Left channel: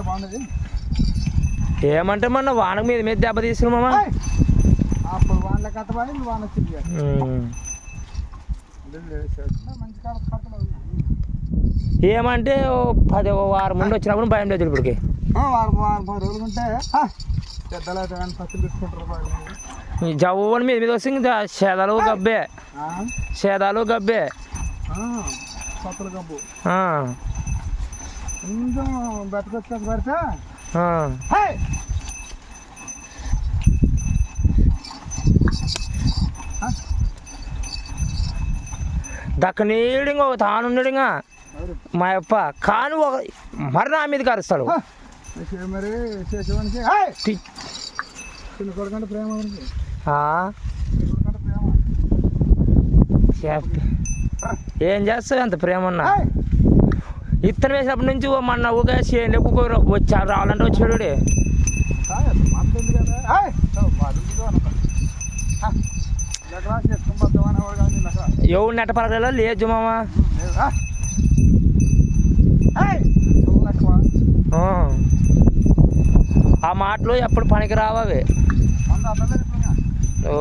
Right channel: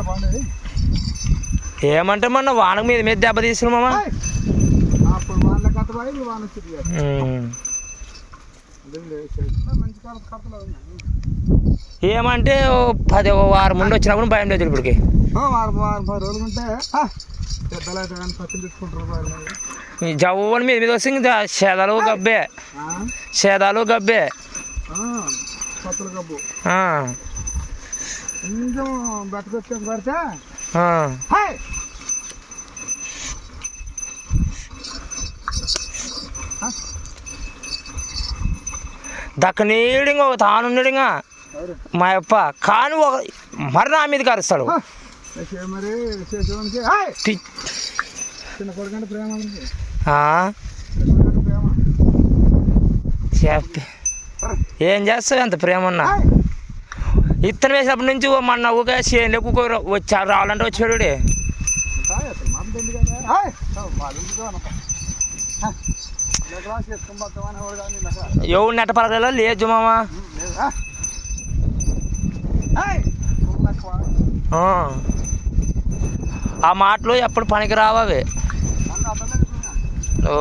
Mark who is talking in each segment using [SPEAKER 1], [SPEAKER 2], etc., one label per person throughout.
[SPEAKER 1] బాగుండేది
[SPEAKER 2] ఏమంటే మొన్న వానకు మీద మీద దెబ్బ తీసుకుని మామ?
[SPEAKER 1] అప్పుడు కథ పోయి వచ్చింది
[SPEAKER 2] ఏమంటే పది వారం ముందు వచ్చినప్పుడు భయం లేదు ఇప్పటికి.
[SPEAKER 1] వారం వారం పది రోజులు ఉంటే
[SPEAKER 2] జవ్వని మీద మీద వస్తే ఇంకా సేదాలు గబ్బే? సేదాలు గబ్బే.
[SPEAKER 1] కబ్బు.
[SPEAKER 2] ఆ,
[SPEAKER 1] కొంచెం బెట్టకొచ్చేసి పడితే
[SPEAKER 2] ఆ.
[SPEAKER 1] హే!
[SPEAKER 2] దక్క నీడింగా ఒక తానుండిగా? మా అప్ప కాను ఒక మరి నా
[SPEAKER 1] ఆ, చేసేవి మరి చిన్న కొడుకంటే ప్రేమ.
[SPEAKER 2] చెప్పి. ఏం చేస్తావు అంత ప్రేమ ఉన్నా! ఇత్తనం వేసినప్పటి నుంచి మొన్న ఊగా కుక్కరు వచ్చాడు రావాలంటే వచ్చాడు
[SPEAKER 1] ఉంటాయి, అది మంది ఉంది కదా హే! ఓ, వాడు ఇంటికి అనక. హే! ఇలా క్లాస్ చేసుకొని పోతామని ఎవరు కాదు నిన్న అక్కడ.
[SPEAKER 2] ఎవరు నెట్ట పలకలేదా లేదు మామ. ఆ. మాటలు ఎప్పుడు పనికి రావవి
[SPEAKER 1] ఇప్పుడు.
[SPEAKER 2] ఓ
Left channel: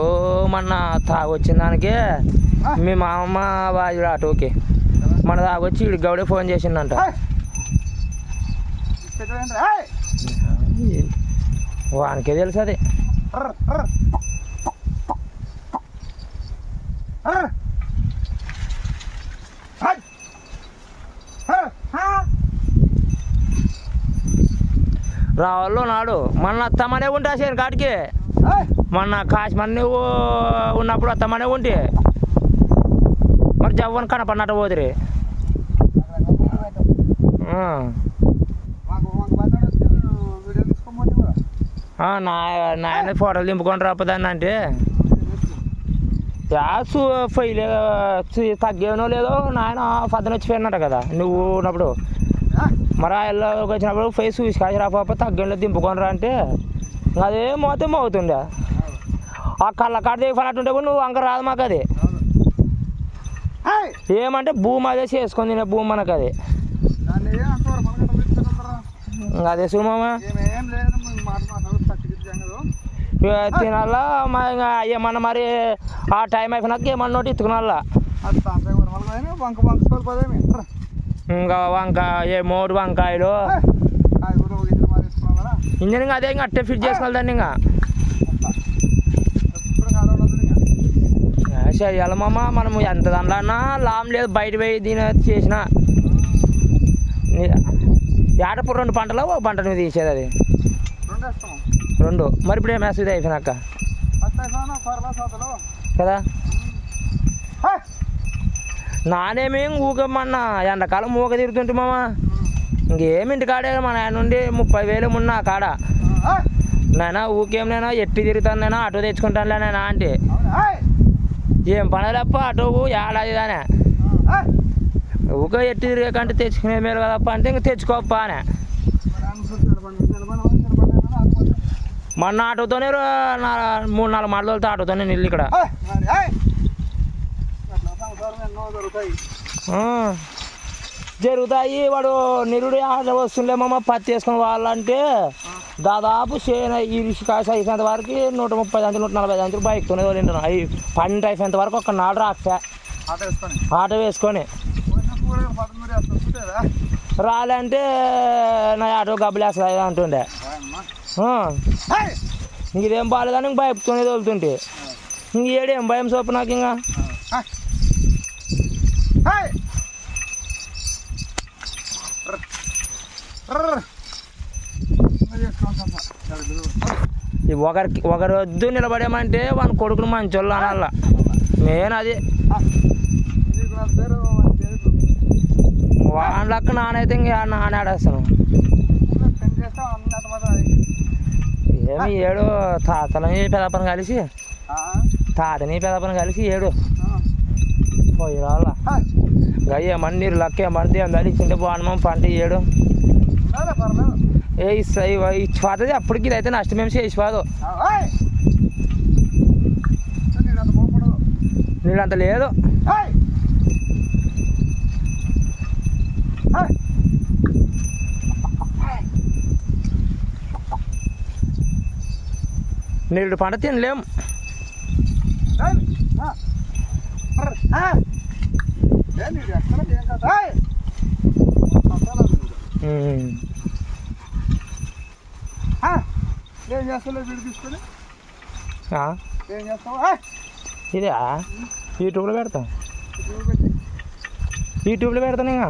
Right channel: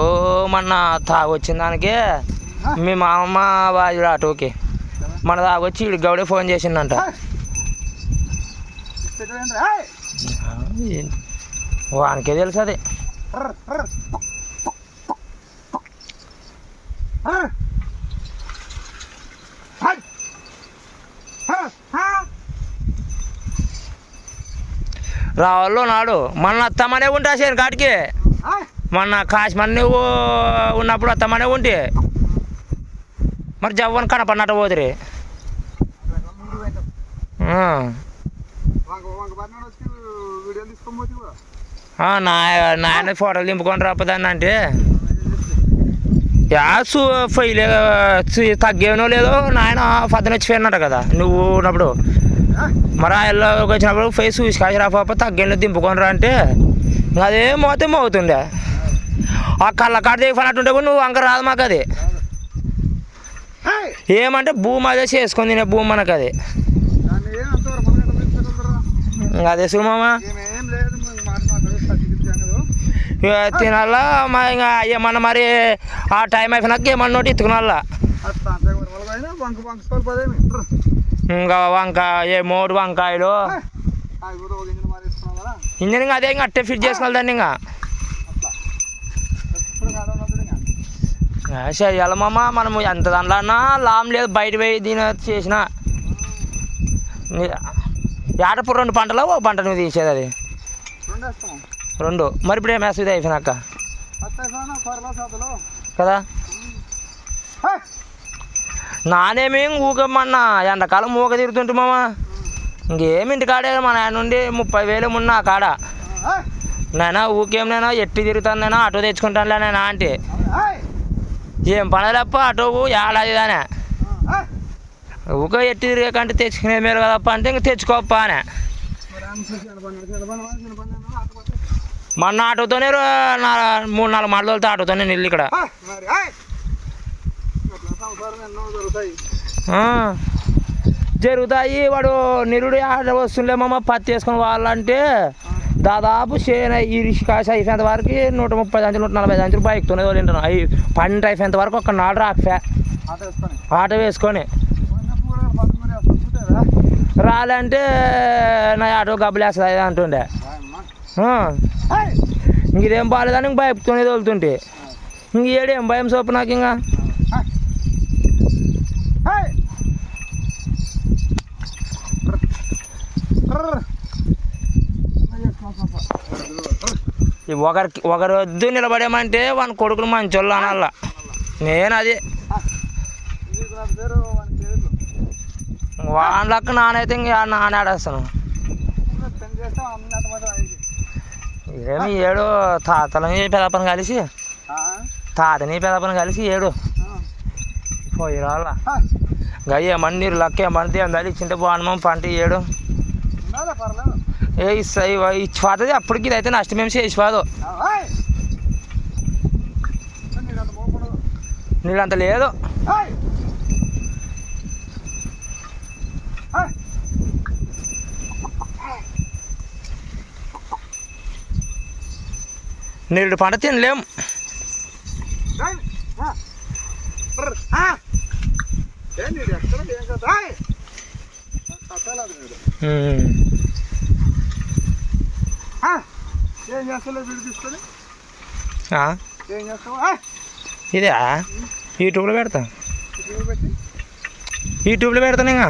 [SPEAKER 2] మొన్న తాగొచ్చిన దానికి
[SPEAKER 1] హే!
[SPEAKER 2] మీ మామ బాజుడు ఆటోకి మన తాగొచ్చి ఇడు గౌడే ఫోన్?
[SPEAKER 1] హే!
[SPEAKER 2] వానికే తెలుసు అది! రావాలో నాడు. మొన్న అత్తమనే ఉంటా కాటికి
[SPEAKER 1] హే!
[SPEAKER 2] మొన్న కాశ్మీర్ నువ్వు ఉన్నప్పుడు అత్తమనే ఉంటే. మరి జవ్వని కనపడినట్టు పోతురి. నా నాయన ఫోటోలు దింపుకొని రాపదాన్ని అంటే. యాసు ఫైల్ తగ్గేనో లేదో నాయన పద్దన వచ్చిపోయినట్టు కదా నువ్వు ఉన్నప్పుడు. మరి ఆయనలోకి వచ్చినప్పుడు ఫైల్ చూసి కాసి రాప తగ్గేలో దింపుకొని రా అంటే. అదేం అదే మోతే మోగుతుండే ఆ కళ్ళ కాడ దిగిపోయినట్టుంటే నువ్వు అంక రాదు మాకు అది ఏమంటే భూమి అదే చేసుకొని తినే భూమి మనకు అది అదే సుమా
[SPEAKER 1] ఏం లేదు มึง మాట మాట్లాడు తగ్గించాను
[SPEAKER 2] ఇక తినాలా? మా ఇంకా ఏమన్నా మరి ఆ టైం అయిపోయినాక ఏమన్నా
[SPEAKER 1] వంక వంక తోలిపోదేమి
[SPEAKER 2] ఇంకా వంకాయ ఏ మూడు వంకాయలు.
[SPEAKER 1] అది కూడా ఒక ఇంజిన్ మారేసుకున్నాం కదా
[SPEAKER 2] ఇంజన్ ఇంకా అదే ఇంకా అట్టే ఫిట్ చేసుకోవాలి దాన్ని ఇంకా
[SPEAKER 1] అట్లా ఎప్పుడు కాలం ఉండదు ఇంకా
[SPEAKER 2] చేయాలి మామ మనం ఎంత దాంట్లో అన్నా లాభం లేదు. బయట పోయి దీని చేసిన. ఏటప్పుడు రెండు పంటలు ఓ పంట నువ్వు తీసేది అది.
[SPEAKER 1] రెండు.
[SPEAKER 2] మరి ఇప్పుడు ఏం వేస్తుంది అయిపోయినాక. కదా? నానేమి ఊగమన్నా ఎండాకాలం ఊగ తిరుగుతుంటే మామ. ఇంకేమి ఇంటికాడే మా నాయన నుండి ముప్పై వేలు ఉన్న ఆ కాడ. నేనా ఊకేం నేను? ఎట్టి తిరుగుతాను నేను? ఆటో తెచ్చుకుంటానులే నేను అంటే. ఏం పనలేప్ప ఆటో ఏడాది దానే ఊక ఎట్టి తిరిగే కంటే తెచ్చుకునే మేలు కదప్ప అంటే ఇంక తెచ్చుకోప్ప అనే. మొన్న ఆటోతోనే మూడు నాలుగు మాటలు తోలితే ఆటోతోనే నిల్లు ఇక్కడ. జరుగుతాయి. వాడు నిరుడు ఆట వస్తుండే మామ పత్తి వేసుకొని వాళ్ళంటే దాదాపు చేన ఇరిసి కాసి అయిపోయేంత వరకు నూట ముప్పై దాంచులు నూట నలభై దాంచులు బైక్తోనే తోలింటాను అవి పంట అయిపోయేంత వరకు ఒక నాడు రాకపోయా ఆటో వేసుకొని. రాలంటే నా ఆటో గబ్బులు వేస్తుంది అంటుండే. ఇంక బాగాలేదని ఇంక బైక్తోనే తోలుతుంటే. ఇంక ఏడేం భయం సోపు నాకు ఇంకా? ఒకరికి ఒకరు వద్దు నిలబడేమంటే వాని కొడుకులు మంచోళ్ళు అనాల. నేను అది వాని లెక్క నానైతే ఇంకా నాన్న ఆడేస్తాను ఏమి ఏడు తాతలని పెదపని కలిసి తాతని పెదపని కలిసి ఏడు. పోయి రాళ్ళ గయ్య మందిరు లక్క మంది అందరి ఇచ్చింటే బాగున్నాం పంట ఏడు.
[SPEAKER 1] పర్లేదు.
[SPEAKER 2] ఏ ఇస్తా ఇచ్చిపోతుంది అప్పటికి ఇదైతే నష్టమేం చేసిపోదు నీళ్ళంత లేదు. నీళ్ళు పంట తినలేం.
[SPEAKER 1] ఎక్కడ ఏం కదా హాయ్ అసలు లేదు.
[SPEAKER 2] ఉమ్.
[SPEAKER 1] ఆ. ఏం చేస్తావు వీడు తీసుకొని?
[SPEAKER 2] ఆ?
[SPEAKER 1] ఏం చేస్తావు? హాయ్
[SPEAKER 2] ఇదే యూట్యూబ్లో పెడతా. యూట్యూబ్లో పెడతాను ఇంకా.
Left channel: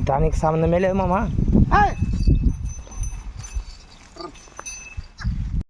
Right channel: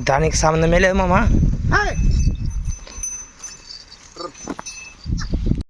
[SPEAKER 2] దానికి సంబంధమే లేదు మామ.